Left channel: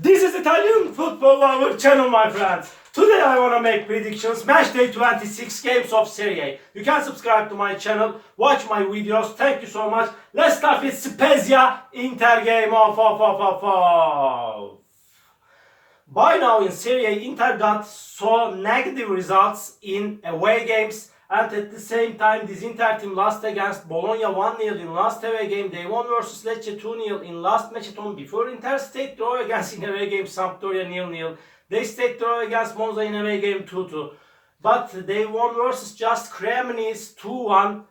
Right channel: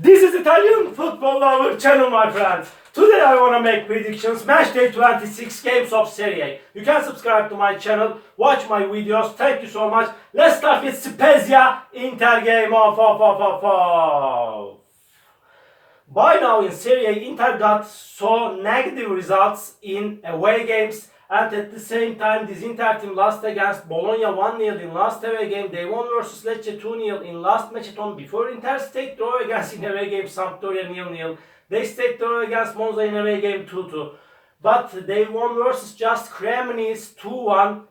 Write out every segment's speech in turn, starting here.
This is Italian football lover channel, my friend. Today I want to make predictions, match day 26 games of Serie. You can subscribe to my channel, watch my videos. Thank you so much. Let's start with Spezia Inter game of. By now in Serie, Inter got so negative results in away games, and at the same time this Inter team lost against Bologna 1-0 in last away game. They won versus Lecce 2-0 in last match at home before Inter stayed draw against in away game Sampdoria 0-0. They stayed draw against Monza in away game 2-2. But they won versus just Cremonese 2-1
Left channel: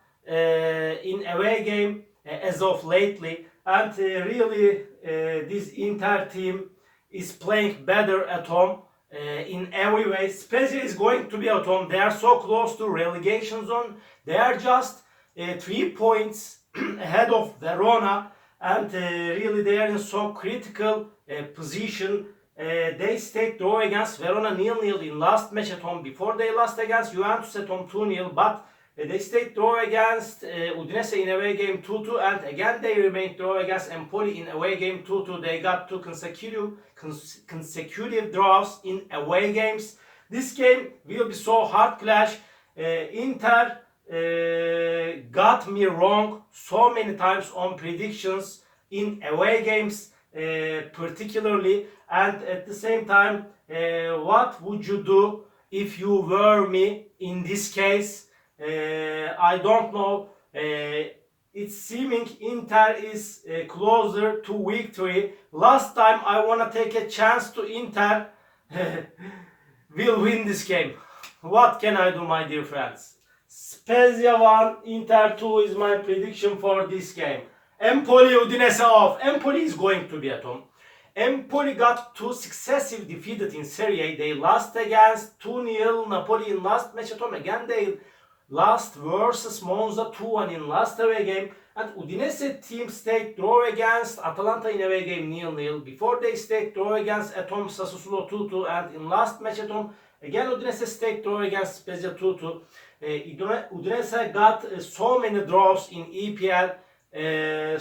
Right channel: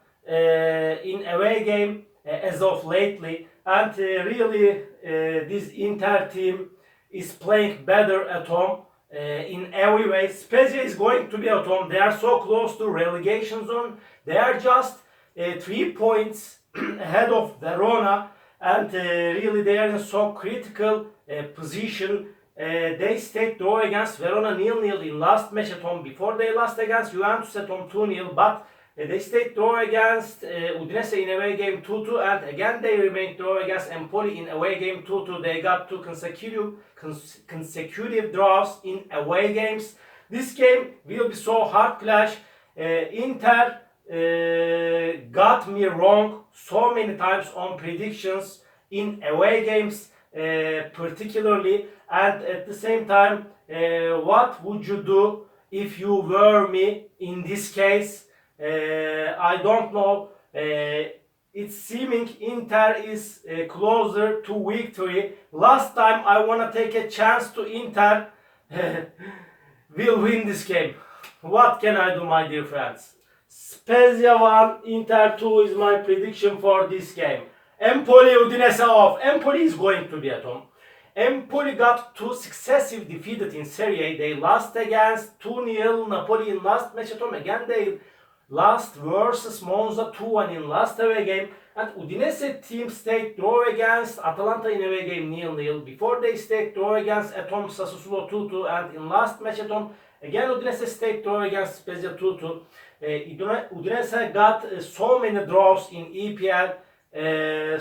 in away game as of lately. And really this Inter team is playing better at home in every way. Spezia is going to be at home. They are so close to relegation zone. They are just 3 points ahead of Verona, and really they are in so critical position. They stayed draw against Verona 0-0 in last match at home before they lost against Juventus at home 2-0, but they stayed draw against Udinese in away game 2-2, and again they remained draw against Empoli in away game 2-2. They got two consecutive draws in away games. This game will be so hard clash. Inter got me wrong so many times on predictions in away games particularly, and at the same time what would you do if you were me in this case? I don't know. It's seeming Inter is closer to victory. Last time I want to take a chance to Inter will win this game. What can I do, my dear friends? Spezia 1, Inter 2 is my prediction for this game. Empoli Udinese off. Empoli is going to be at home. Empoli got two successive defeated in Serie. They lost against 2-0 Napoli in last match at home. Again they lost versus Monza 2-1 in last away game, and Udinese team stayed draw against Atalanta in away game 0-0 before they stayed draw against at home Sassuolo 2-2, and in last match at home again Udinese stayed draw against Spezia 2-2. Udinese got so many draws in EPL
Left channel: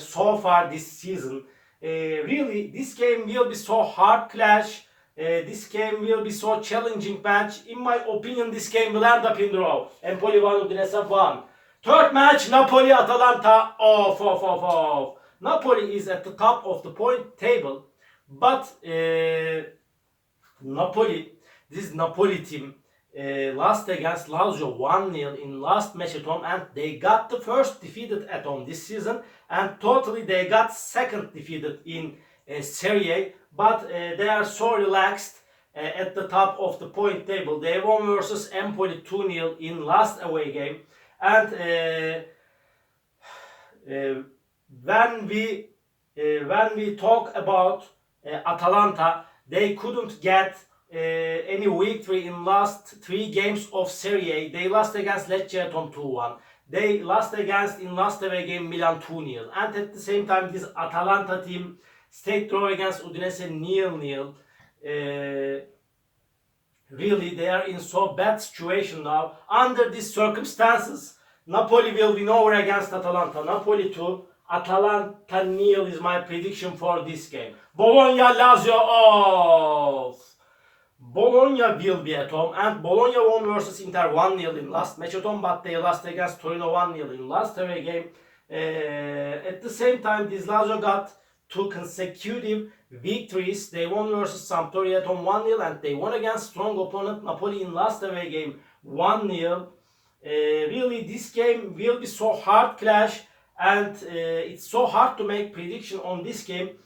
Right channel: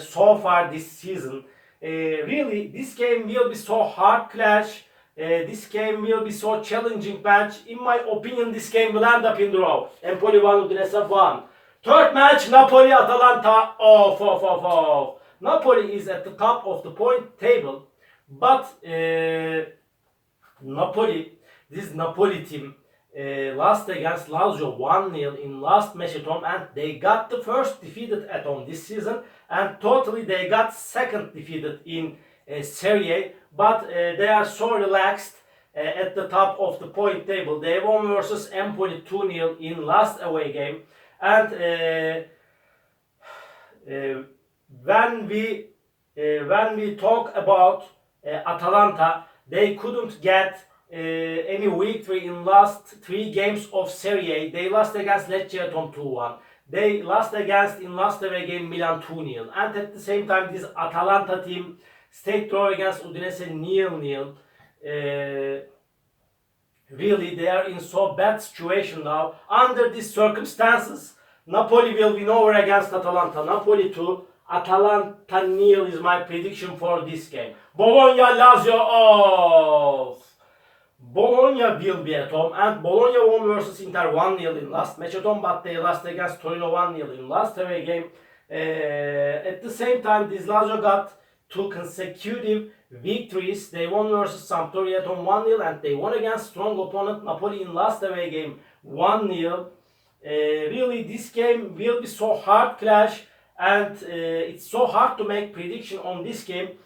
so far this season. Really this game will be so hard clash. This game will be so challenging match. In my opinion, this game will end up in draw. Empoli 1, Udinese 1. Third match, Napoli-Atalanta off. Napoli is at the top of the point table, but this Napoli team lost against Lazio 1-0 in last match at home, and they got the first defeated at home this season, and totally they got second defeated in Serie, but they are so relaxed at the top of the point table. They won versus Empoli 2-0 in last away game, and when we talk about Atalanta, they couldn't get any victory in last 3 games of Serie. They lost against Lecce at home 2-1. They lost against in last away game Milan 2-0, and at the same time this Atalanta team stayed draw against Udinese 0-0. Really, they are in so bad situation now. Under these circumstances, Napoli will win over against Atalanta. Napoli 2, Atalanta 0 is my prediction for this game. Bologna-Lazio off. Bologna will be at home, and Bologna won versus Inter 1-0 in last match at home, but they lost against Torino 1-0 in last away game. At the same time, this Lazio got two consecutive victories. They won versus Sampdoria at home 1-0, and they won against strong opponent Napoli in last away game 1-0. Really, this game will be so hard clash, and it's so hard to make prediction on this game.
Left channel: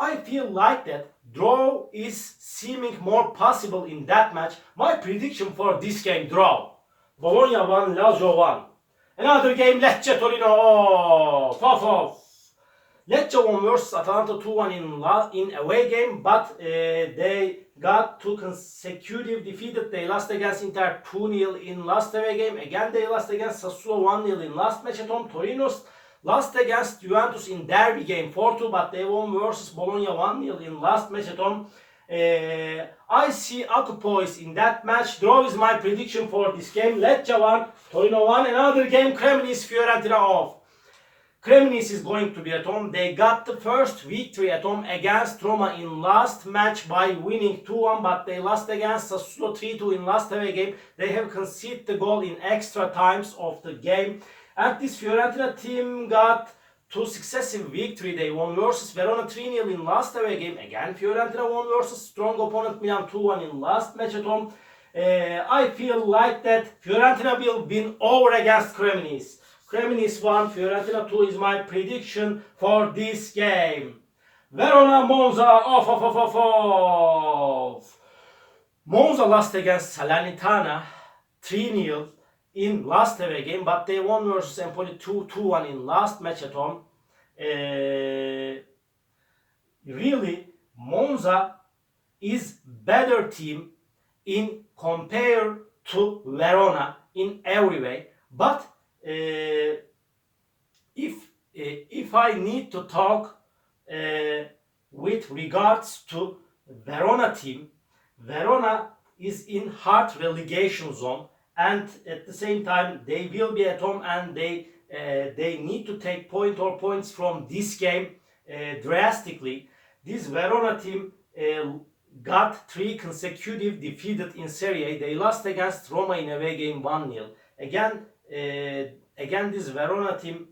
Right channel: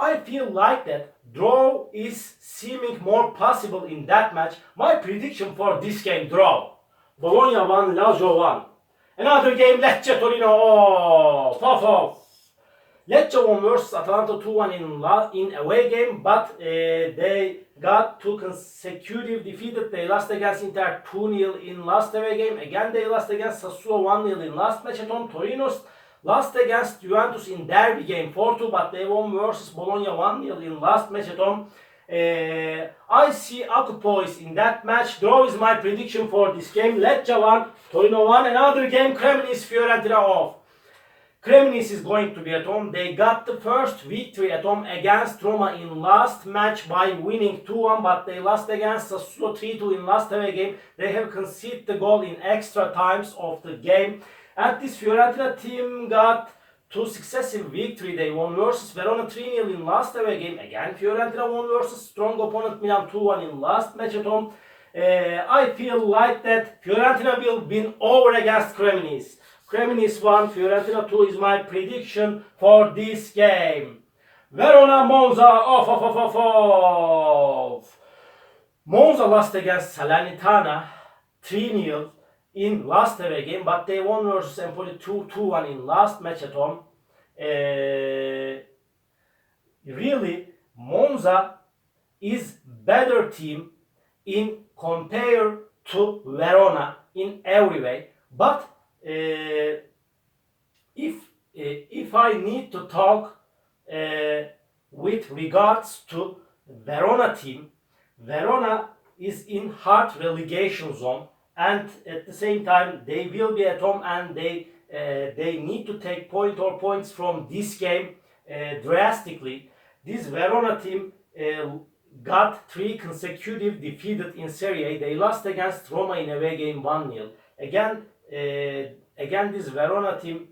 I feel like that draw is seeming more possible in that match. My prediction for this game, draw. Bologna 1, Lazio 1. Another game, Lecce Torino off. Lecce won versus Atalanta 2-1 in away game, but they got two consecutive defeated. They lost against Inter 2-0 in last away game. Again they lost against Sassuolo 1-0 in last match at home. Torino's lost against Juventus in derby game 4-2, but they won versus Bologna 1-0 in last match at home. I see Akupois in that match. Draw is my prediction for this game. Lecce 1, Torino 1. Another game, Cremonese Fiorentina off. Cremonese is going to be at home. They got the first victory at home against Roma in last match by winning 2-1, but they lost against Sassuolo 3-2 in last away game. They have conceded the goal in extra times of the game. And this Fiorentina team got two successive victory. They won versus Verona 3-0 in last away game. Again, Fiorentina won versus strong opponent Milan 2-1 in last match at home. I feel like that Fiorentina will win over against Cremonese. Cremonese 1, Fiorentina 2 is my prediction for this game. Verona Monza off. Monza lost against Salernitana 3-0 in last away game, but they won versus Empoli 2-1 in last match at home. Really, Monza is better team in compare to Verona in every way, but if I need to talk with regards to Verona team, Verona is in hard relegation zone, and at the same time they will be at home, and they need to take points from this game drastically. This Verona team got 3 consecutive defeated in Serie. They lost against Roma in away game 1-0. Again, this Verona team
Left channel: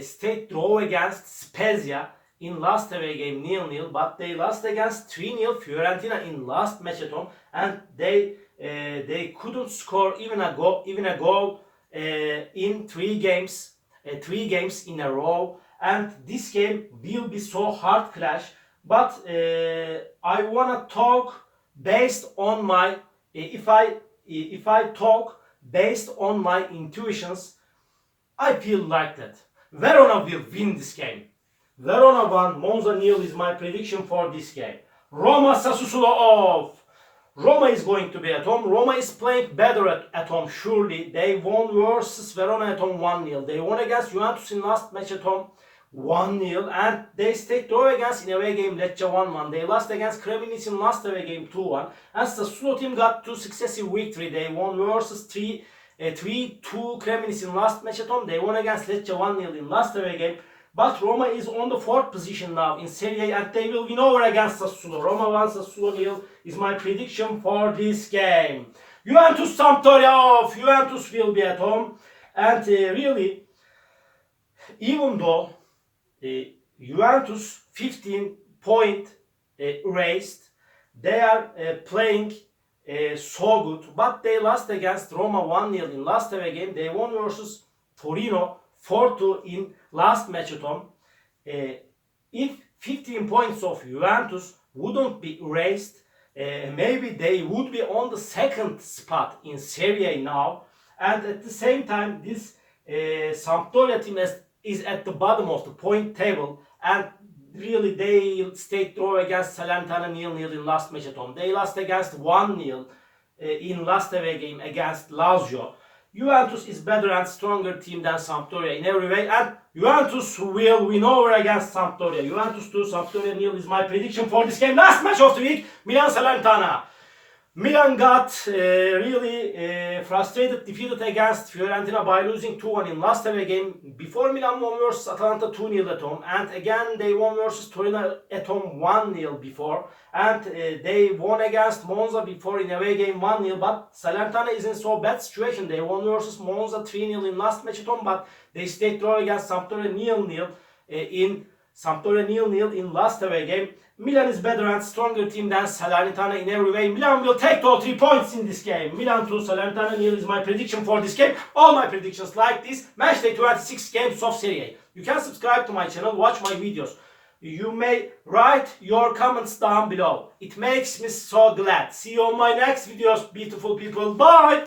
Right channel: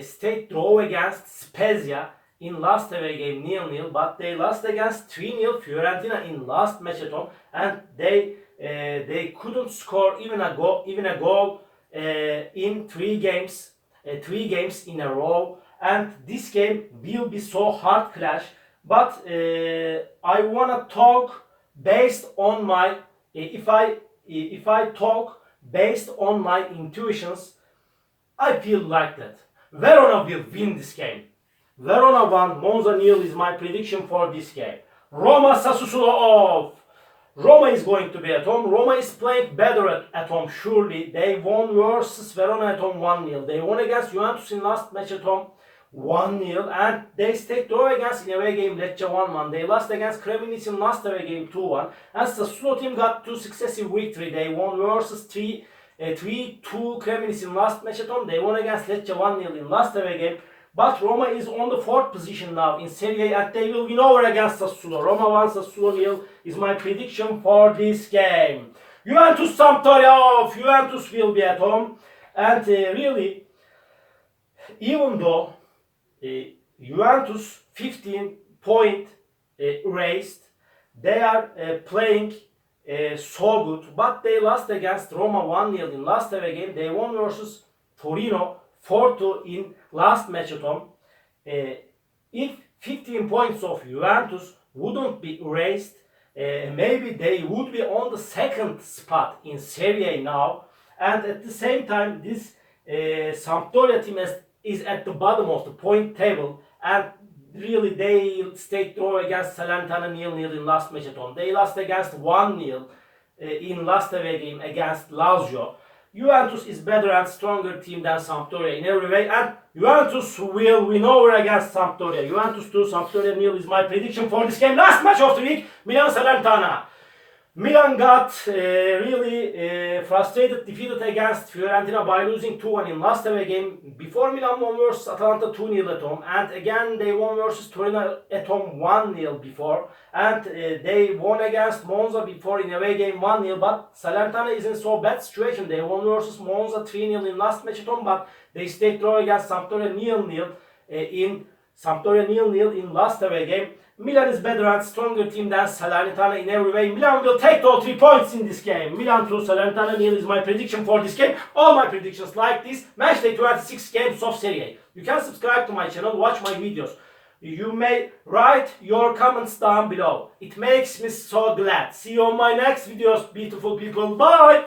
stayed draw against Spezia in last away game 0-0, but they lost against 3-0 Fiorentina in last match at home, and they couldn't score even a goal in 3 games in a row. And this game will be so hard clash. But I wanna talk based on my if I talk based on my intuitions, I feel like that Verona will win this game. Verona 1, Monza 0 is my prediction for this game. Roma Sassuolo off. Roma is going to be at home. Roma is playing better at home, surely. They won versus Verona at home 1-0. They won against Juventus in last match at home 1-0, and they stayed draw against in away game Lecce 1-1. They lost against Cremonese in last away game 2-1. And Sassuolo team got 2 successive victory. They won versus 3-2 Cremonese in last match at home. They won against Lecce 1-0 in last away game. But Roma is on the 4th position now in Serie, and they will win over against Sassuolo. Roma 1, Sassuolo 0 is my prediction for this game. Juventus Sampdoria off. Juventus will be at home, and really, even though Juventus 15 point raised, they are playing so good, but they lost against Roma 1-0 in last away game. They won versus Torino 4-2 in last match at home. If 15 points of Juventus wouldn't be erased, maybe they would be on the 2nd spot in Serie now. And at the same time, this Sampdoria team is at the bottom of the point table, and really they stayed draw against Salernitana 0-0 in last match at home. They lost against 1-0 in last away game against Lazio. Juventus is better and stronger team than Sampdoria in every way, and Juventus will win over against Sampdoria. Juventus 2, Sampdoria 0 is my prediction for this game. Last match of the week, Milan-Salernitana. Milan got really frustrated, defeated against Fiorentina by losing 2-1 in last away game. Before, Milan won versus Atalanta 2-0 at home, and again they won versus Torino at home 1-0 before, and they won against Monza before in away game 1-0. But Salernitana is in so bad situation. They won versus Monza 3-0 in last match at home, but they stayed draw against Sampdoria 0-0 in last away game. Milan is better and stronger team than Salernitana in every way. Milan will take all 3 points in this game. Milan 2, Salernitana 0 is my prediction for this game. All my predictions like this. Matchday 26 games of Serie. You can subscribe to my channel, watch my videos. You may write your comments down below. It makes me so glad. See you on my next videos, beautiful people. Bye!